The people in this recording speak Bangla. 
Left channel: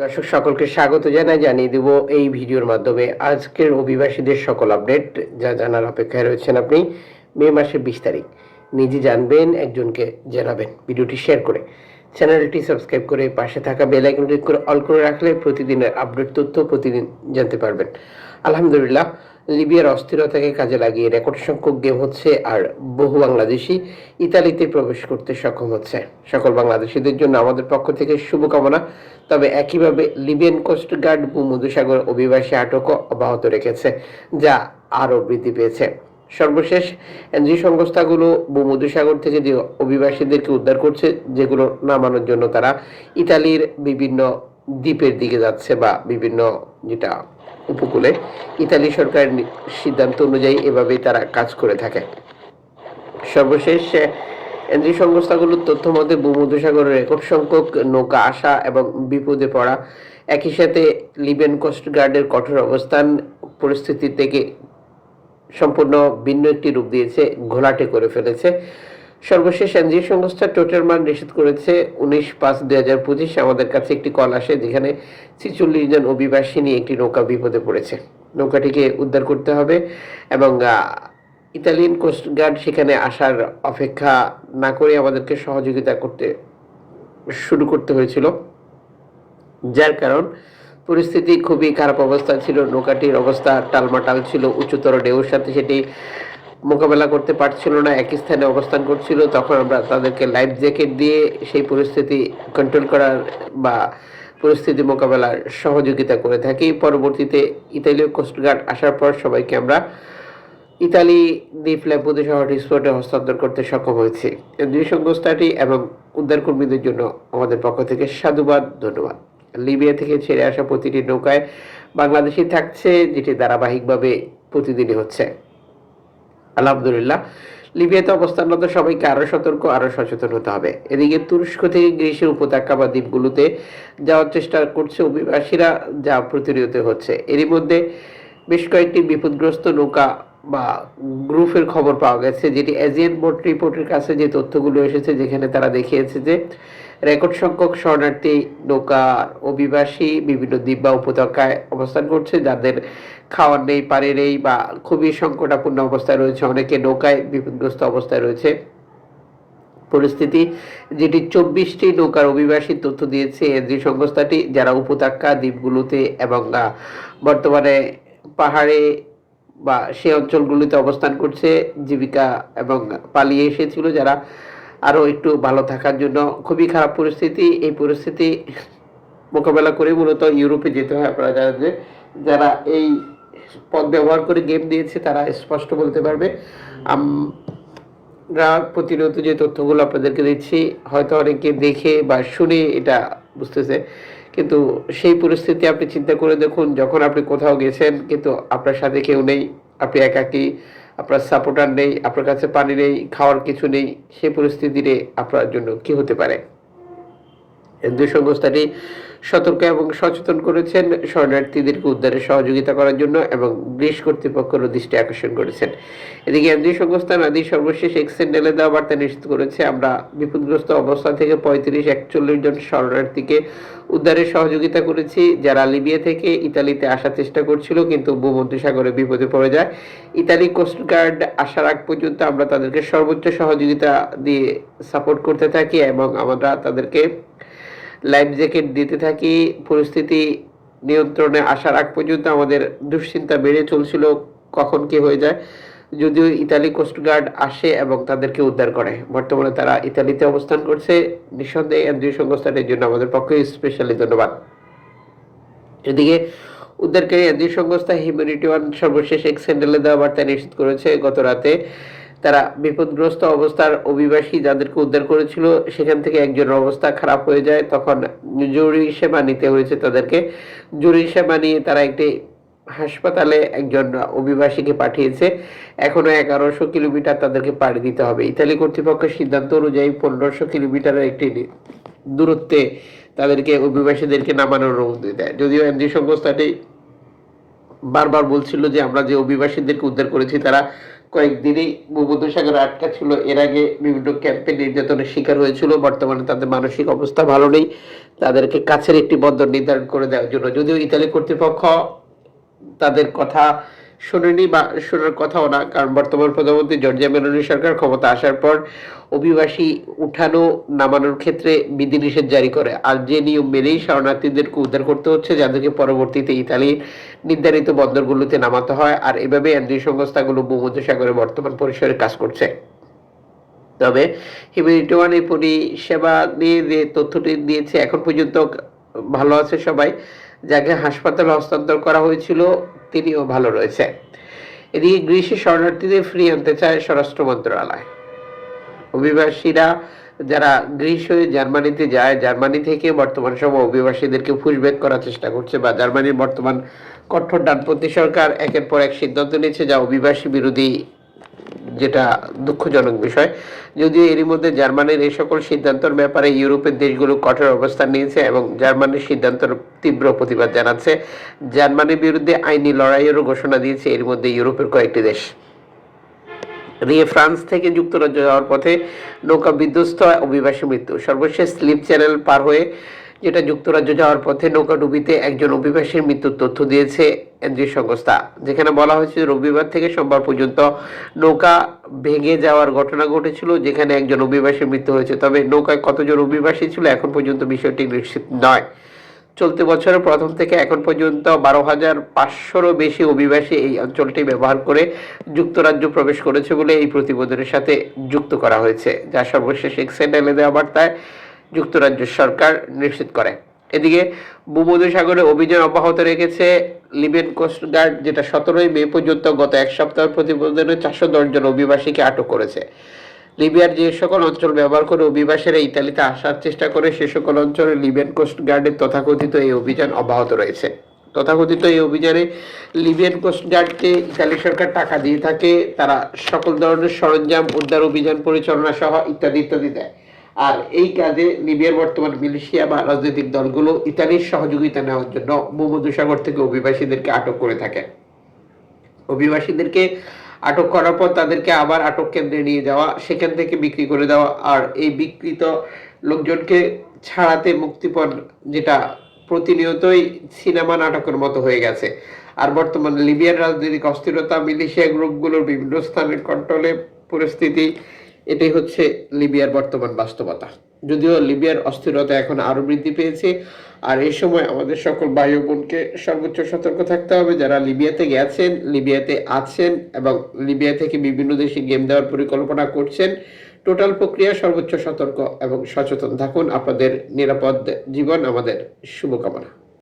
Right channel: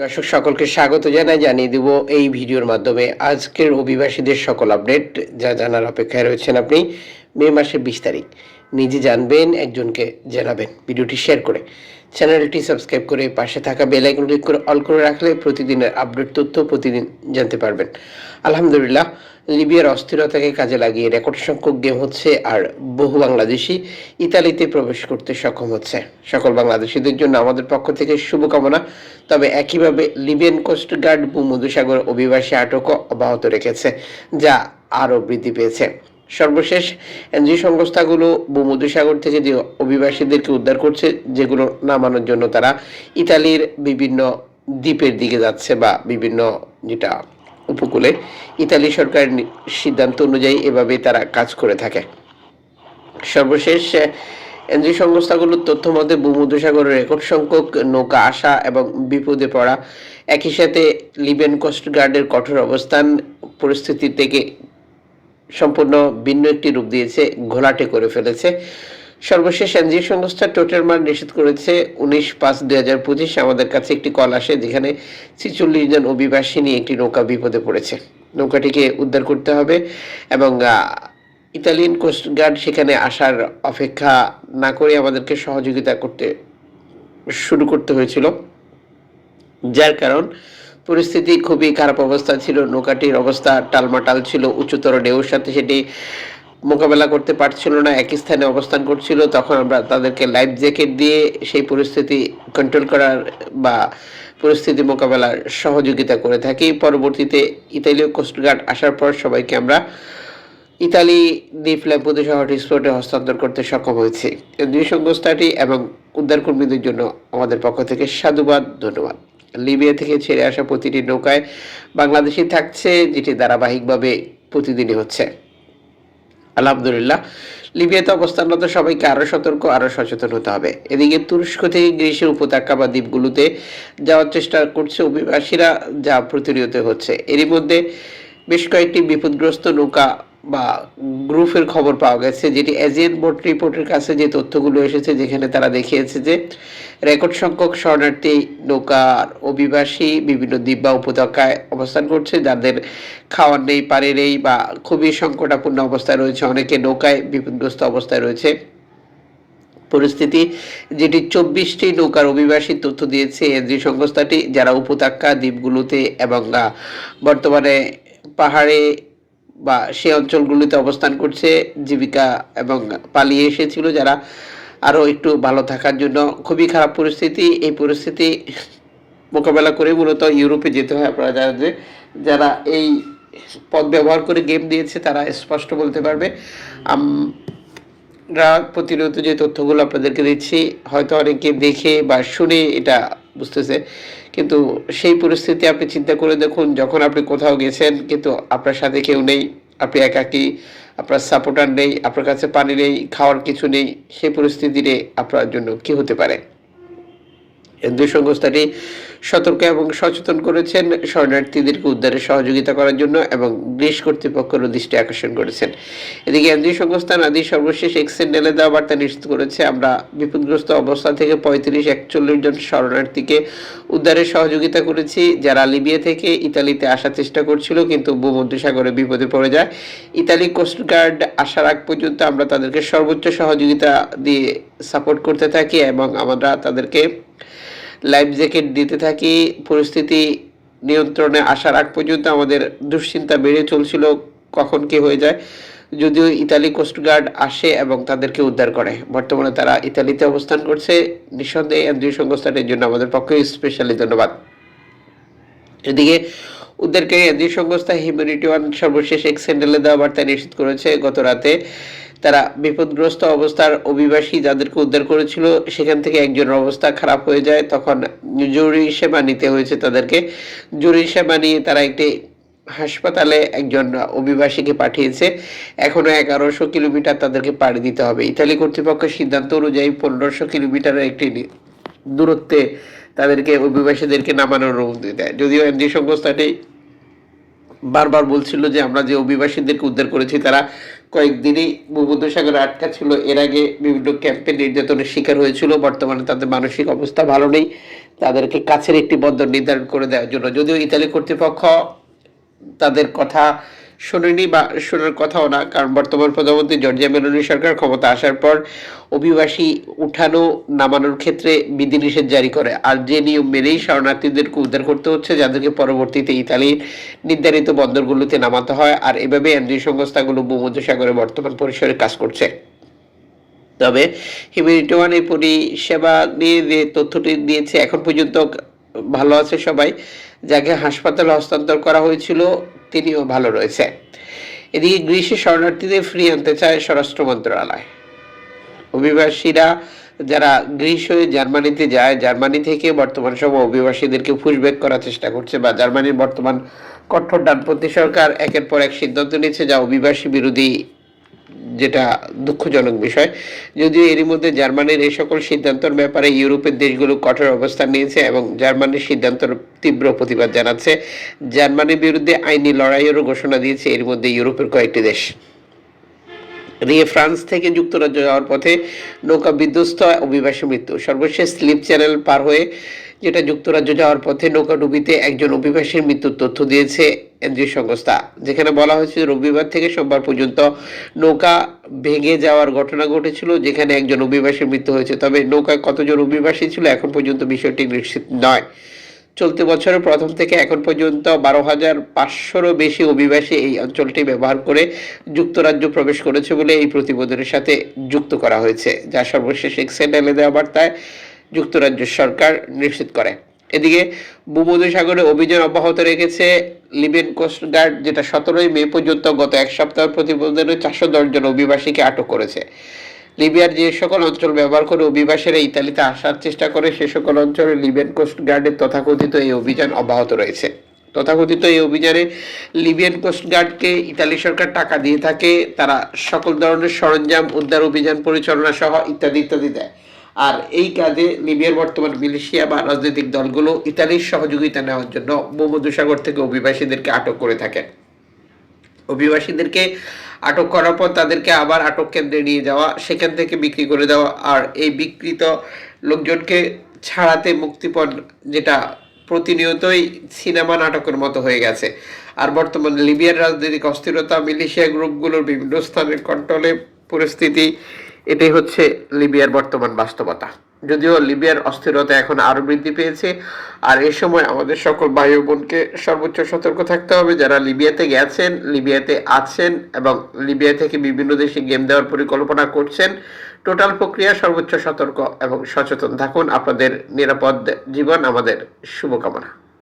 দর্শক, সকলকে স্বাগত জানাই, জানিয়ে দেব এই ভিডিওর মাধ্যমে আজকের অভিবাসীদের সকল আপডেট, যা জানার অপেক্ষায় রয়েছেন আপনি মে মাসের বিশ তারিখ। নিজে জানবেন, একজনকে জানাবেন। ভিডিওটি শেয়ার করে চ্যানেলটি সাবস্ক্রাইব করে পাশে থাকা বেল আইকন ক্লিক করে অল করে রাখলে প্রতিদিনের আপডেট তথ্য প্রতিদিন জানতে পারবেন। আলহামদুলিল্লাহ, লিবিয়ার অস্থিরতাকে কাজে লাগিয়ে রেকর্ড সংখ্যক গেম হচ্ছে আর বহু বাংলাদেশি ইতালিতে প্রবেশ করতে সক্ষম হচ্ছে। সকল বাংলাদেশিদের জন্য আমাদের পক্ষ থেকে শুভকামনা। তবে একইভাবে লিবিয়ান কোস্ট গার্ড ভূমধুসাগর অভিবাসী আটকও অব্যাহত রেখেছে, যা আরও বৃদ্ধি পেয়েছে। সর্বশেষ এনজিও সংস্থাগুলো ভূমধুসাগর থেকে যে অভিবাসীদেরকে উদ্ধার করছে, যেগুলো নামানোর জন্য তারা ইতালির বিভিন্ন দ্বীপের দিকে যাচ্ছে বা বিভিন্ন যেটা উপকূলে ইতালি সরকারের সিদ্ধান্ত অনুযায়ী এভাবেই তারা কাজ করে থাকে। সর্বশেষ এনজিও সংস্থাগুলোর তথ্য মতে, ভূমধ্যসাগরের রেকর্ড সংখ্যক নৌকা আসা এবং বিপদে পড়া, একই সাথে লিবেন কোস্ট গার্ডের কঠোর অবস্থান, পরিস্থিতি থেকে সম্পূর্ণ ভিন্ন একটি রূপ দিয়েছে, ঘোলাটে করে ফেলেছে। সর্বশেষ এনজিও সংস্থা টোটাল মান নিষেধ করেছে উনিশ পাঁচ দুই হাজার পঁচিশ। আমাদের কাছে একটি কল আসে যেখানে ছিচল্লিশ জন অভিবাসী নিয়ে একটি নৌকা বিপদে পড়েছে। নৌকাটিকে উদ্ধার করতে হবে এবং ইতালিয়ান কোস্ট গার্ড সেখানে আসার অপেক্ষা না করে আমাদেরকে সহযোগিতা করতে শুরু করতে হয়েছিল। যার কারণ, পরিস্থিতি খুবই খারাপ অবস্থা ছিল। নৌকাটির অবস্থা টালমাটাল ছিল, উচ্চতর ঢেউর সাথে সেটি মোকাবেলা করতে পারছিল না, একই স্থানে অবস্থান করছিল, তখন আমরা তাদেরকে লাইফ জ্যাকেট দিয়ে সেই পরিস্থিতি কন্ট্রোল করার বা পরিস্থিতি মোকাবেলার সহযোগিতা করে থাকি। পরবর্তীতে ইতালীয় কোস্টগার্ড আসার পর সবাইকে আমরা ইতালি দ্বীপ ল্যাম্পুদে শহর স্পটে হস্তান্তর করতে সক্ষম হয়েছে। দুই সংস্থাটি এবং উদ্ধারকর্মীদের জন্য আমাদের পক্ষ থেকে সাধুবাদ, ধন্যবাদ। লিবিয়া থেকে ছেড়ে আসা প্রতিটি নৌকায় বাংলাদেশি থাকছে, যেটি ধারাবাহিকভাবে প্রতিদিনই হচ্ছে। আলহামদুলিল্লাহ। লিবিয়াতে অবস্থানরত সবাইকে আরও সতর্ক, আরও সচেতন হতে হবে। এদিকে তুরস্ক থেকে গ্রিসের উপত্যকা বা দ্বীপগুলোতে যাওয়ার চেষ্টা করছে অভিবাসীরা, যা প্রতিনিয়ত হচ্ছে। এরই মধ্যে বেশ কয়েকটি বিপদগ্রস্ত নৌকা বা গ্রুপের খবর পাওয়া গেছে, যেটি এজিয়ান বোর্ড রিপোর্টের কাছে যে তথ্যগুলো এসেছে, যেখানে তারা দেখিয়েছে যে রেকর্ড সংখ্যক শরণার্থী, নৌকার অভিবাসী, বিভিন্ন দ্বীপ বা উপত্যকায় অবস্থান করছে, যাদের খাওয়ার নেই পারে নেই বা খুবই সংকটাপূর্ণ অবস্থায় রয়েছে। অনেকে নৌকায় বিপদগ্রস্ত অবস্থায় রয়েছে। পরিস্থিতি, যেটি চব্বিশটি নৌকার অভিবাসী তথ্য দিয়েছে এনজি সংস্থাটি, যারা উপত্যকা, দ্বীপগুলোতে এবং বর্তমানে পাহাড়ে বা সে অঞ্চলগুলিতে অবস্থান করছে, জীবিকা এবং পালিয়ে এসেছিল যারা আরও একটু ভালো থাকার জন্য খুবই খারাপ পরিস্থিতি। এই পরিস্থিতি মোকাবেলা করে মূলত ইউরোপে যেতে হয় আপনারা যে, যারা এই পথ ব্যবহার করে গেম দিয়েছে তারা স্পষ্ট বলতে পারবে। আমরা প্রতিনিয়ত যে তথ্যগুলো আপনাদেরকে দিচ্ছি, হয়তো অনেকে দেখে বা শুনে এটা বুঝতেছে। কিন্তু সেই পরিস্থিতি আপনি চিন্তা করে দেখুন, যখন আপনি কোথাও গেছেন, কিন্তু আপনার সাথে কেউ নেই, আপনি একাকী আপনার সাপোর্টার নেই, আপনার কাছে পানি নেই, খাওয়ার কিছু নেই সে পরিস্থিতিতে আপনার জন্য কি হতে পারে? এনজিও সংস্থাটি সতর্ক এবং সচেতন করেছেন। শরণার্থীদেরকে উদ্ধারে সহযোগিতা করার জন্য এবং গ্রিস কর্তৃপক্ষের দৃষ্টি আকর্ষণ করেছেন। এদিকে এনজিও সংস্থা নাদি সর্বশেষ এক্সেন্ডেলে দেওয়া বার্তা নিশ্চিত করেছে, আমরা বিপদগ্রস্ত অবস্থা থেকে পঁয়ত্রিশ একচল্লিশ জন শরণার্থীকে উদ্ধারে সহযোগিতা করেছি। যারা লিবিয়া থেকে ইতালিতে আসার চেষ্টা করছিল, কিন্তু ভূমধ্যসাগরে বিপদে পড়ে যায়। ইতালি কোস্টগার্ড আসার আগ পর্যন্ত আমরা তাদেরকে সর্বোচ্চ সহযোগিতা দিয়ে সাপোর্ট করতে থাকি এবং আমরা তাদেরকে লাইফ জ্যাকেট দিতে থাকি, পরিস্থিতি নিয়ন্ত্রণে আসার আগ পর্যন্ত আমাদের দুশ্চিন্তা বেড়ে চলছিল কখন কি হয়ে যায়। যদিও ইতালি কোস্টগার্ড আসে এবং তাদেরকে উদ্ধার করে। বর্তমানে তারা ইতালিতে অবস্থান করছে। নিঃসন্দেহে এনজিও সংস্থাটির জন্য আমাদের পক্ষে স্পেশালি ধন্যবাদ। এদিকে উদ্ধারকারী এনজিও সংস্থা হিউম্যানিটি ওয়ান সর্বশেষ এক স্যান্ডেলে দেওয়া বার্তায় নিশ্চিত করেছে, গত রাতে তারা বিপদগ্রস্ত অবস্থার অভিবাসী যাদেরকে উদ্ধার করেছিল, সেখান থেকে একজনের অবস্থা খারাপ হয়ে যায়। তখন জরুরি সেবা নিতে হয়েছে তাদেরকে। জরুরি সেবা নিয়ে তারা একটি হাসপাতালে একজন অভিবাসীকে পাঠিয়েছে। এখনও এগারোশো কিলোমিটার তাদেরকে পাড়ি দিতে হবে। ইতালি কর্তৃপক্ষের সিদ্ধান্ত অনুযায়ী পনেরোশো কিলোমিটারের একটি দূরত্বে তাদেরকে অভিবাসীদেরকে নামানোর অনুমতি দেয়। যদিও এনজি সংস্থাটি বারবার বলছিল যে আমরা যে অভিবাসীদেরকে উদ্ধার করেছি, তারা কয়েকদিনই ভূমধ্যসাগরে আটকা ছিল। এর আগে বিভিন্ন ক্যাম্পে নির্যাতনের শিকার হয়েছিল। বর্তমানে তাদের মানসিক অবস্থা ভালো নেই। তাদেরকে কাছের একটি বন্দর নির্ধারণ করে দেওয়ার জন্য। যদিও ইতালি কর্তৃপক্ষ তাদের কথা শোনেনি বা শোনার কথাও না। কারণ বর্তমান প্রধানমন্ত্রী জর্জিয়া মেলোনি সরকার ক্ষমতা আসার পর অভিবাসী উঠানো, নামানোর ক্ষেত্রে বিধিনিষেধ জারি করে। আর যে নিয়ম মেনেই শরণার্থীদেরকে উদ্ধার করতে হচ্ছে, যাদেরকে পরবর্তীতে ইতালির নির্ধারিত বন্দরগুলোতে নামাতে হয়, আর এভাবে এনজিও সংস্থাগুলো ভূমধ্যসাগরে বর্তমান পরিসরে কাজ করছে। তবে হিউম্যানিটি এই পরিষেবা নিয়ে যে তথ্যটি দিয়েছে, এখন পর্যন্ত ভালো আছে সবাই। যাকে হাসপাতালে হস্তান্তর করা হয়েছিল তিনিও ভালো রয়েছে। এদিকে গ্রীষ্মে শরণার্থীদের ফ্রি আনতে চায় স্বরাষ্ট্র মন্ত্রণালয়। অভিবাসীরা যারা গ্রীস হয়ে জার্মানিতে যায়, জার্মানি থেকে বর্তমান সময় অভিবাসীদেরকে পুশব্যাক করার চেষ্টা করছে বা জার্মানির বর্তমান কঠোর ডানপন্থী সরকার একের পর এক সিদ্ধান্ত নিচ্ছে যা অভিবাসী বিরোধী যেটা দুঃখজনক বিষয়, যদিও এরই মধ্যে জার্মানির এই সকল সিদ্ধান্তের ব্যাপারে ইউরোপের দেশগুলো কঠোর অবস্থান নিয়েছে এবং জার্মানির সিদ্ধান্তের তীব্র প্রতিবাদ জানাচ্ছে। জার্মানির বিরুদ্ধে আইনি লড়াইয়েরও ঘোষণা দিয়েছে এর মধ্যে ইউরোপের কয়েকটি দেশ। এদিকে ফ্রান্স থেকে যুক্তরাজ্য যাওয়ার পথে নৌকা বিধ্বস্ত অভিবাসী মৃত্যু। সর্বশেষ স্লিপ চ্যানেল পার হয়ে যেটা যুক্তরাজ্য যাওয়ার পথে নৌকা ডুবিতে একজন অভিবাসীর মৃত্যুর তথ্য দিয়েছে এনজিও সংস্থা। যেখানে বলা হয়েছে, রবিবার থেকে সোমবার পর্যন্ত নৌকা ভেঙে যাওয়ার ঘটনা ঘটেছিল, যেখানে একজন অভিবাসীর মৃত্যু হয়েছে। তবে নৌকায় কতজন অভিবাসী ছিল এখন পর্যন্ত বিষয়টি নিশ্চিত নয়। চলতি বছরের প্রথম থেকে এখন পর্যন্ত বারো হাজার পাঁচশোরও বেশি অভিবাসী এই অঞ্চলটি ব্যবহার করে যুক্তরাজ্য প্রবেশ করেছে বলে এই প্রতিবেদনের সাথে যুক্ত করা হয়েছে। যা সর্বশেষ এক্সেন্ডেলে দেওয়া বার্তায় যুক্তরাজ্য সরকার নিশ্চিত করে। এদিকে ভূমধ্যসাগরে অভিযান অব্যাহত রেখেছে লিবিয়ান কোস্টগার্ড যেটা সতেরোই মে পর্যন্ত গত এক সপ্তাহ প্রতিবেদনে চারশো জন অভিবাসীকে আটক করেছে। লিবিয়ার যে সকল অঞ্চল ব্যবহার করে অভিবাসীরা ইতালিতে আসার চেষ্টা করে, সে সকল অঞ্চলে লিবিয়ান কোস্ট গার্ডের তথাকথিত এই অভিযান অব্যাহত রয়েছে। তথাকথিত এই অভিযানে লিবিয়ান কোস্ট গার্ডকে ইতালি সরকার টাকা দিয়ে থাকে, তারা সকল ধরনের সরঞ্জাম, উদ্ধার অভিযান পরিচালনা সহ ইত্যাদি ইত্যাদি দেয়। আর এই কাজে লিবিয়ার বর্তমান মিলিশিয়া বা রাজনৈতিক দলগুলো ইতালির সহযোগিতা নেওয়ার জন্য ভূমধ্যসাগর থেকে অভিবাসীদেরকে আটক করে থাকে। অভিবাসীদেরকে আটক করার পর তাদেরকে আবার আটক কেন্দ্রে নিয়ে যাওয়া, সেখান থেকে বিক্রি করে দেওয়া আর এই বিকৃত লোকজনকে ছাড়াতে মুক্তিপণ যেটা প্রতিনিয়তই সিনেমা নাটকের মতো হয়ে গেছে। আর বর্তমানে লিবিয়ার রাজনৈতিক অস্থিরতা, মিলিশিয়া গ্রুপগুলোর বিভিন্ন স্থানের কন্ট্রোলে পরিস্থিতি এটাই হচ্ছে লিবিয়ার বর্তমান বাস্তবতা। যদিও লিবিয়ার অস্থিরতা এখন আরও বৃদ্ধি পেয়েছে, আর এই সময় আমাদের সকল ভাই বোনকে সর্বোচ্চ সতর্ক থাকতে হবে। যারা লিবিয়াতে গেছেন, লিবিয়াতে আছেন এবং লিবিয়া থেকে বিভিন্ন দেশে গেম দেওয়ার পরিকল্পনা করছেন, টোটাল প্রক্রিয়া সর্বোচ্চ সতর্ক এবং সচেতন থাকুন। আপনাদের নিরাপদ জীবন, আমাদের শুভকামনা।